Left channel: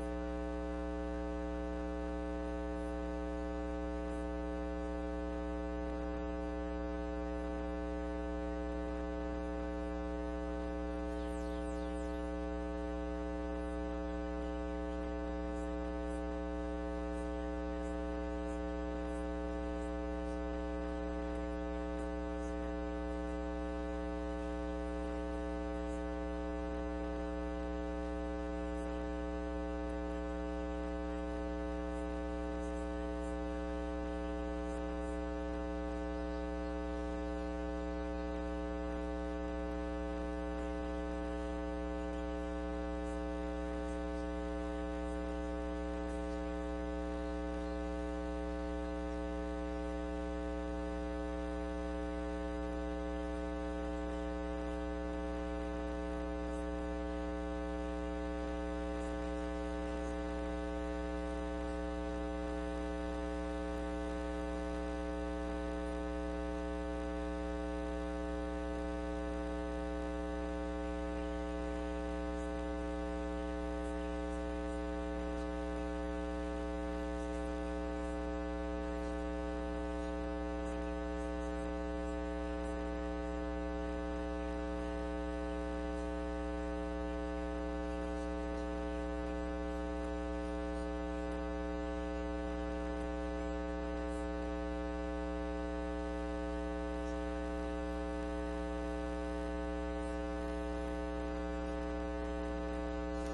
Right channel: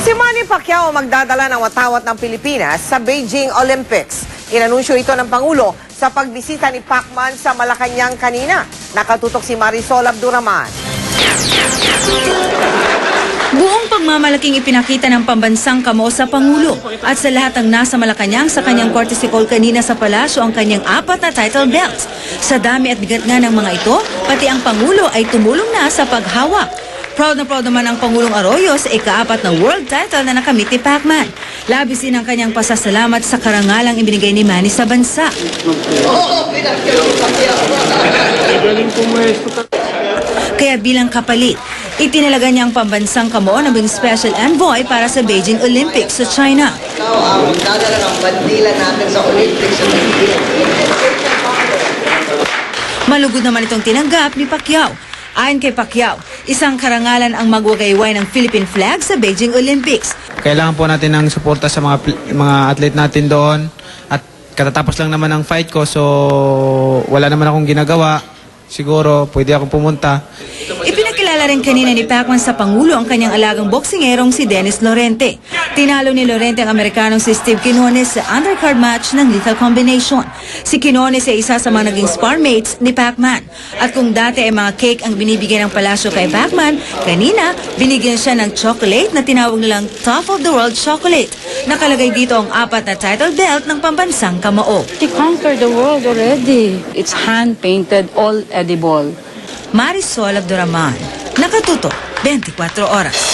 Si Manny Pacquiao magdadala ng watawat ng Pilipinas sa Beijing Olympics. Inanunsyo ito ng Pangulo sa pagbisita ni Pacman sa Malacanang kanina. Nakatutok si Marisol Abduraman. Buong pagmamalaking ipinakita ng pambansang kamo sa Pangulo at sa lahat ng nasa Malacanang sa kanyang courtesy call kanina sa palasyo ang kanyang apat na title belts. Sa dami at bigat nga ng mga ito, pati ang Pangulo ay tumulong na sa paghawak. Proud na proud naman ang Pangulong Arroyo sa ikaapat na world title na nakamit ni Pacman. Labis din ang kanyang pasasalamat sa karangalang ibinigay ni Manny sa bansa. Kaya bilang kapalit, itinalaga niya ang pambansang kamo maging special envoy para sa Beijing Olympics sa China. Ng Malugod naman itong tinanggap ni Pacquiao. Ayon kay Pacquiao, isang karangalan ang magwagayway ng Philippine flag sa Beijing Olympics. Kailangan po natin ng suporta sa mga mga athlete natin doon at katatapos lang naman ang fight ko so wala naman akong ginagawa. Siguro pwede akong pumunta. Ipinakilala rin kanina ni Pacman sa Pangulo ang kanyang alagang boksingerong si Dennis Lorente. Tinalo ni Lorente ang Amerikanong si Steve Quinones sa undercard match ng Lethal Combination. Si Quinones ay isa sa mga naging spar mates ni Pacman. At kung dati ay mga cake ang binibigyan ng palasyo kay Pacman, kanina binigyan siya ng chocolate na tinawag nilang Top of the World Chocolate. Nakalagay dito ang apat na title belt ng pambansang kamao. She conquered the world already. It's hand-painted, all edible. Marisol Abduraman, Nakatuto, 24 Oras.